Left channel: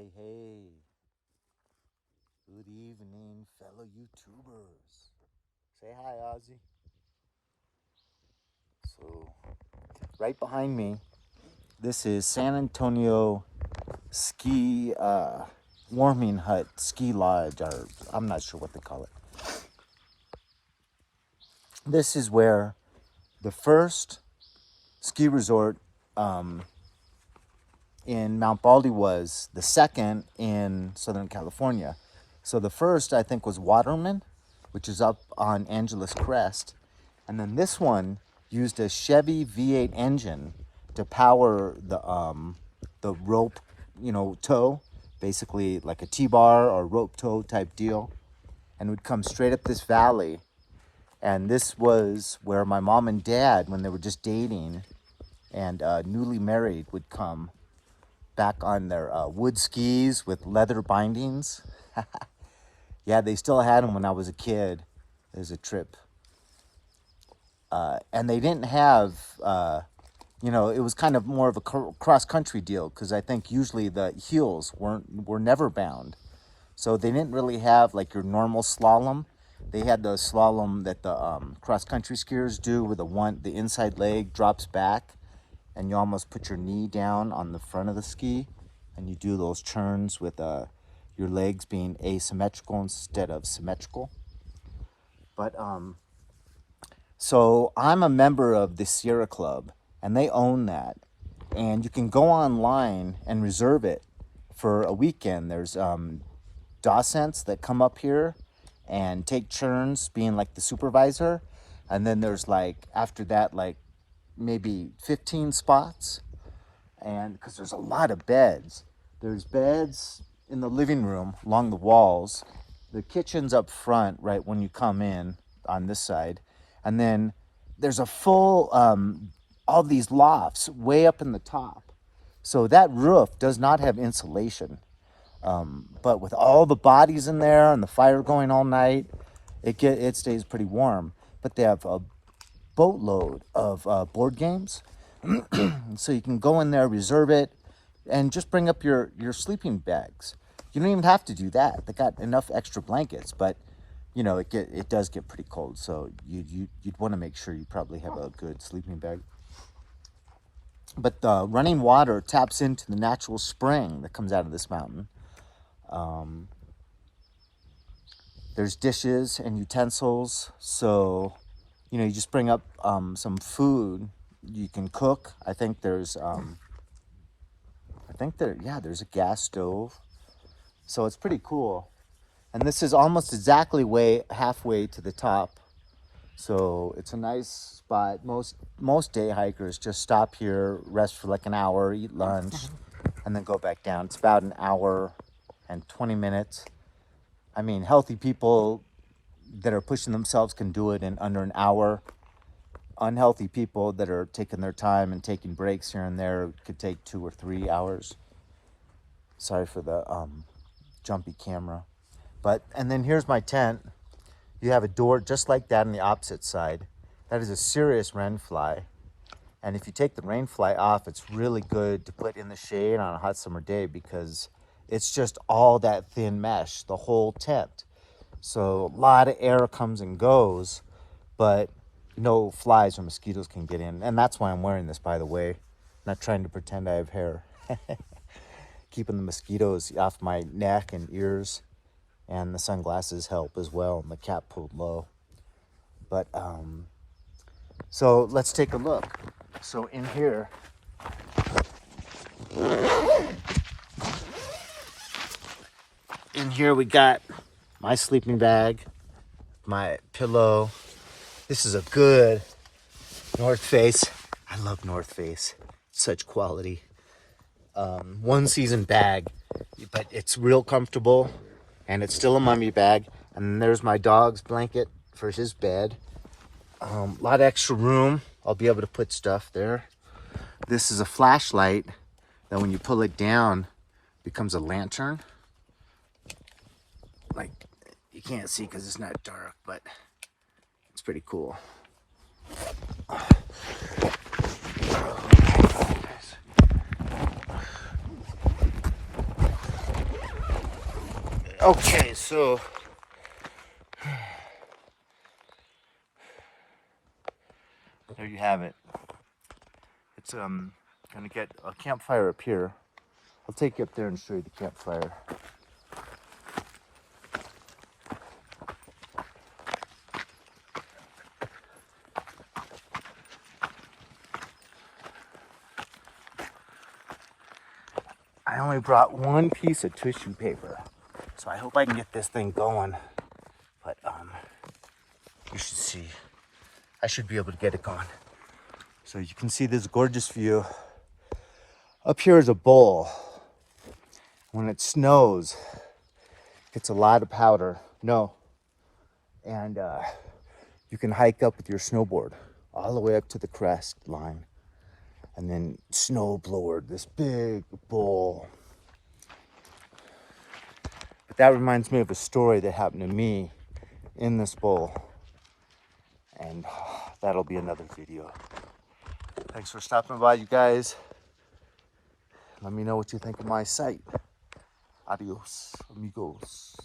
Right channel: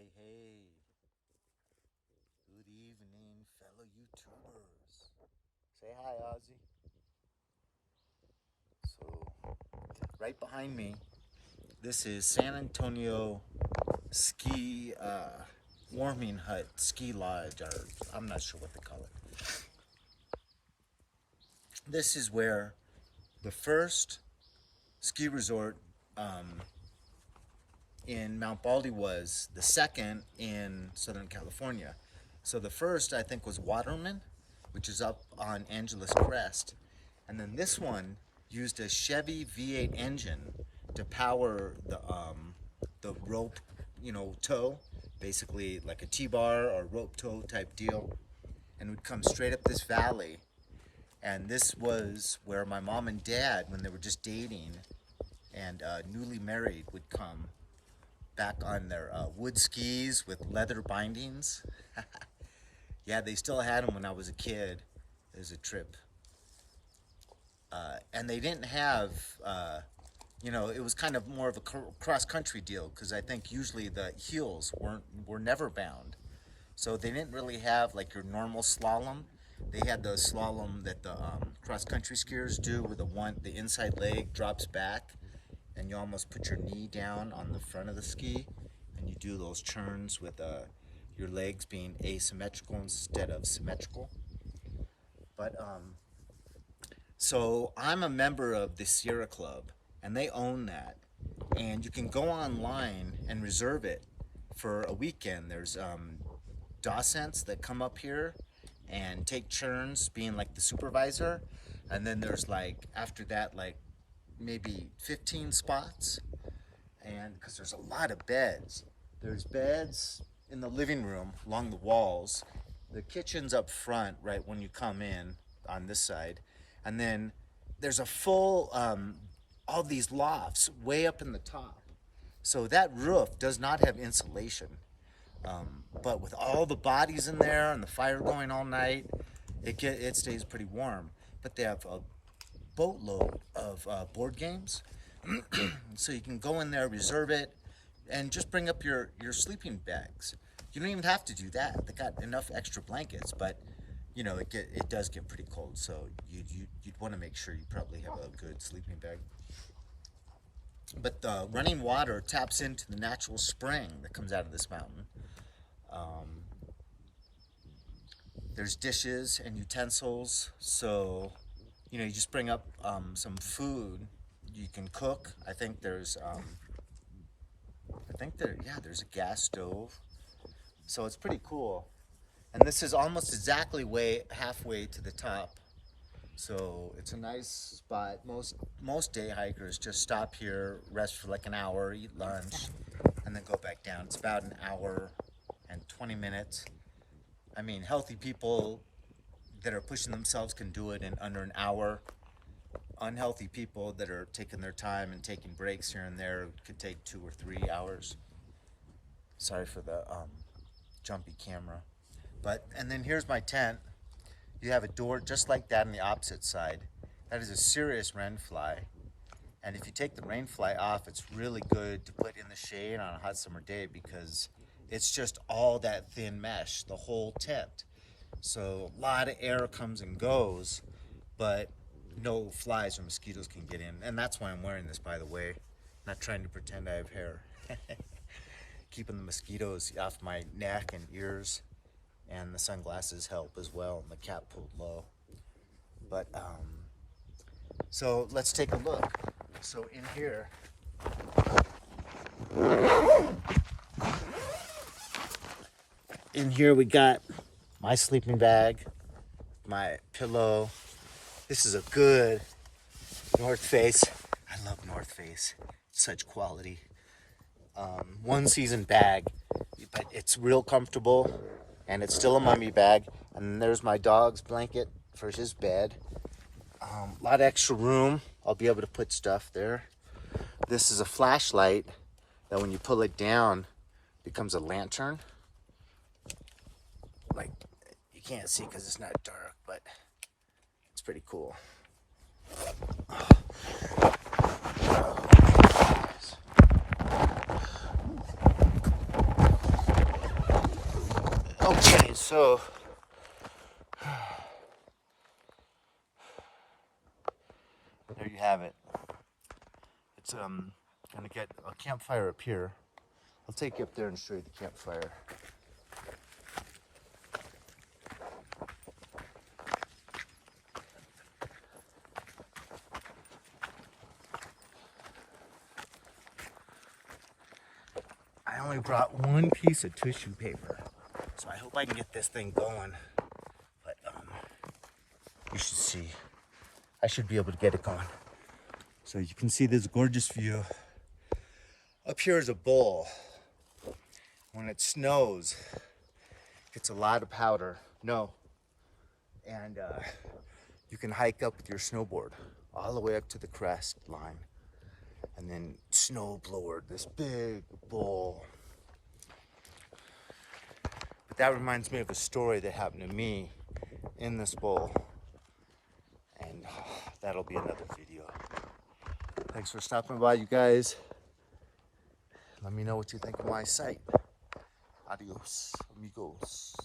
Hey, hey. Good evening, fellow YouTubers. Say hi, Ozzy. So, right behind me, this is San Antonio Ski Warming Hut Ski Lodge, or I'm not sure what they call it. This is where the first ski resort in Mount Baldy was, the second in Southern California. So the first, I think, was Waterman, which is up on Angeles Crest. And then this one used a Chevy V8 engine to power the rope, tow, basically like a T-bar or rope tow type deal, and would come straight up this valley. And this was where my mom and dad, when they were just dating and newly married, would come back on their wood skis with leather bindings. Yeah, they still had them when I was a kid. There's a trip. And they didn't have, it was kind of more of a cross-country deal, because I think usually the heels were never bound. So they didn't really have like your normal slalom. They had the slalom that the cross-country skiers do, where the inside leg drops back and you almost put your knee down on the front of the ski, and you do those turns with your legs being asymmetrical instead of symmetrical. But so I'm a member of the Sierra Club, and they own that, and you can go online and reserve it for a weekend. There's docents that come up here and take turns being like the supervisor, and then there's like after that like maybe 15 spots, and because there's a lot of beds. There's beds in the living room along the walls. The kitchen's up front right when you come in on this side, and then there's a full all these lofts way up in the top. So that roof does not have insulation, but with all the bodies in there and the fire going all night, it stays pretty warm. But they have a boatload of board games. So you can go in there, reserve it, and just bring up your sleeping bags. You don't even have to do that. They got enough extra blankets, but it does get pretty cold. So you'd want to make sure you probably have a good sleeping bag. But the running water taps into the natural spring that comes out of this mountain. There's dishes and utensils, so you just bring up some food you can cook. I think there's there's a gas stove, so it's pretty cool. And this is almost exactly halfway to the top, so it's a nice spot. Most day hikers just stop here, rest for like an hour, eat lunch, and then go back down. It's about an hour and 20 minutes. I mean, healthy people that are pushing themselves can do it in under an hour. Unhealthy people that are taking their time and taking breaks here and there could take 2 or 3 hours. Sorry for the jumpy camera. And then here's my tent. You have a door just like that on the opposite side. That is a serious wren fly. And if you take the rain fly off, it's really good to put in the shade on a hot summer day, because it's just all that thin mesh, the whole tent. So a lot of air comes and goes, but no flies or mosquitoes can get in. And that's why I'm wearing this, by the way. Not trying to pretend I have hair. Keeping the mosquitoes off my neck and ears. And the sunglasses help as well, and the cap pulled low. But, so let's take a look. So in here, we got my sleeping bag, my pillow. This is a good North Face. I love North Face. Such quality. One season bag, but it's real comfortable, and it's still a mummy bag. And there's my dog's blanket for his bed. A lot of extra room. I'll be able to put stuff there. This is a flashlight that when you pull it down, becomes a lantern. Like, you can't see because it's not dark, but it's pretty cool. Okay, so there you have it. It's gonna get a campfire up here. I'll take you up there and show you the campfire. I only brought one piece of tissue paper, so I hope I can get this thing going. But you should see. I should be able to get it going. So you can see this gorgeous view. Up here is a bowl. When it snows, it's a lot of powder. No. And you can hike up with your snowboard all the way up to the crest line. And then snowblower, this big bowl. But that reminds me of a story that happened to me in this bowl. And that'll be another video. Thanks for stopping by, you guys. Let me know what you think of my site. Adios, amigos.